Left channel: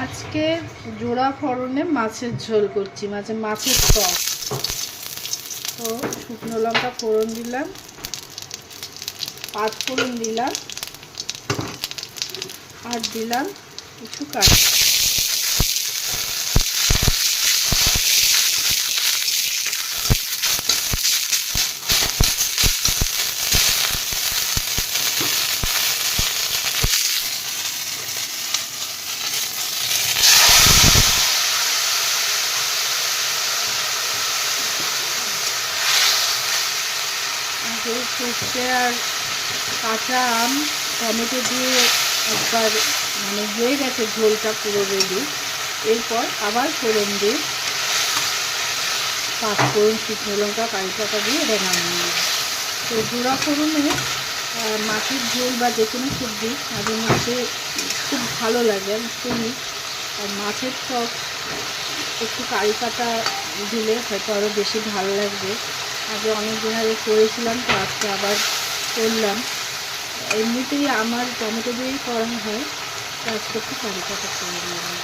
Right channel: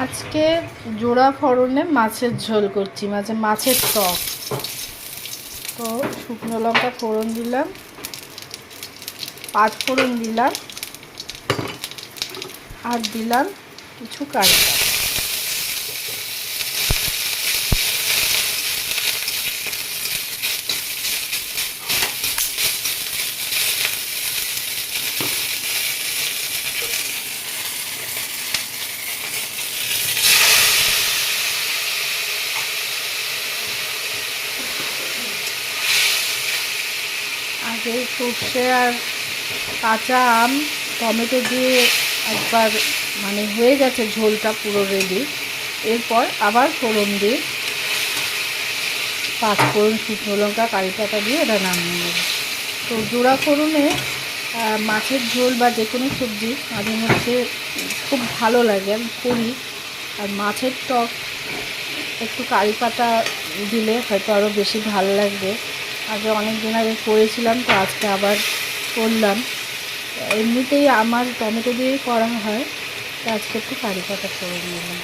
আজকে জোড়া ফোড়নে মাছের ঝোল করছি, মাছের টক। তো শুকনো লঙ্কা ফোড়ন দিলাম, পাঁচ ফোড়ন দিলাম, আর দিলাম কিছু কাঁচা। আগে সর্ষে আর কাঁচা আম টমেটো দিয়ে একবার হয়ে গেছে ঝোলটা পুরো রেডি। এরপর আবার ফোড়ন দিয়ে পাঁচ ফোড়ন, শুকনো লঙ্কা, কারি পাতা দিয়ে এটা নামিয়ে নেব। তো জোড়া ফোড়নে মাছের ঝোল বা যে কোনো সবজি মাঝে মধ্যে খুব ভালো লাগে, আমি করি। আর মাছের টক একটু কারি পাতা দিলে হয়তো আরও বেশি ভালো লাগবে। আগে অনেক দিন আগে করেছিলাম, তো আজকে আবার করলাম। এমনিতেই আমার টমেটো দিয়েই করা হয়, তো আজকে একটু কারি পাতা করে নিলাম।